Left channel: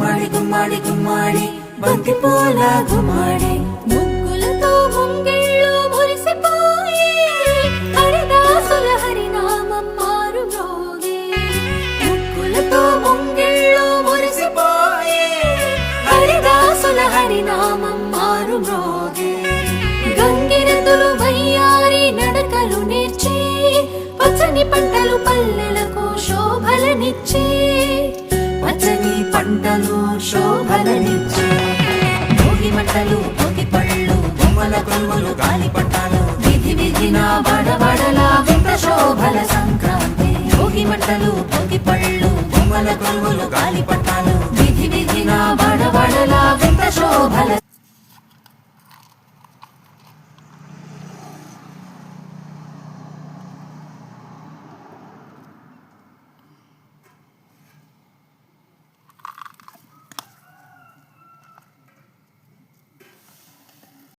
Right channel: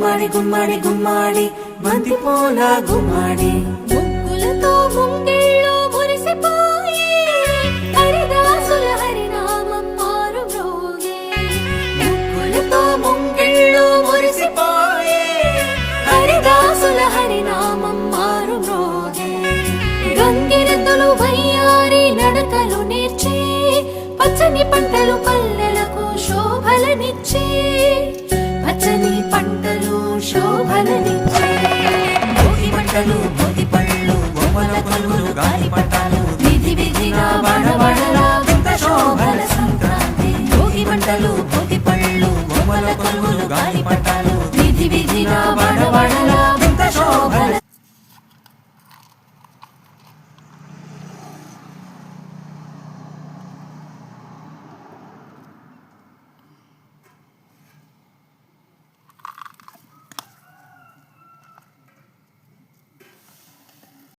గుమ్మాడి గుమ్మాడి గుమ్మాడి బంతి పూల గుమ్మాడి ముగ్గులతో ముంగిళ్ళు మురిసిపోయి హరిదాసుల హరినామం మారు మ్రోగే. ముగ్గులతో ముంగిళ్ళు మురిసిపోయి హరిదాసుల హరినామం మారు మ్రోగే. గంగిరెద్దులు వయ్యారి నడకలు నేర్చి పచ్చని పంటలు పల్లెలకు శోభలనిచ్చి పచ్చని పంటలు శోభలనిచ్చి భోగి మంటలు భోగి పళ్ళు బొమ్మల కొలువులు గాలిపటాలు విధి విధిన వాడవాడలా వింత శోభల సంక్రాంతి. భోగి మంటలు భోగి పళ్ళు బొమ్మల కొలువులు గాలిపటాలు విధి విధిన వాడవాడలా వింత శోభల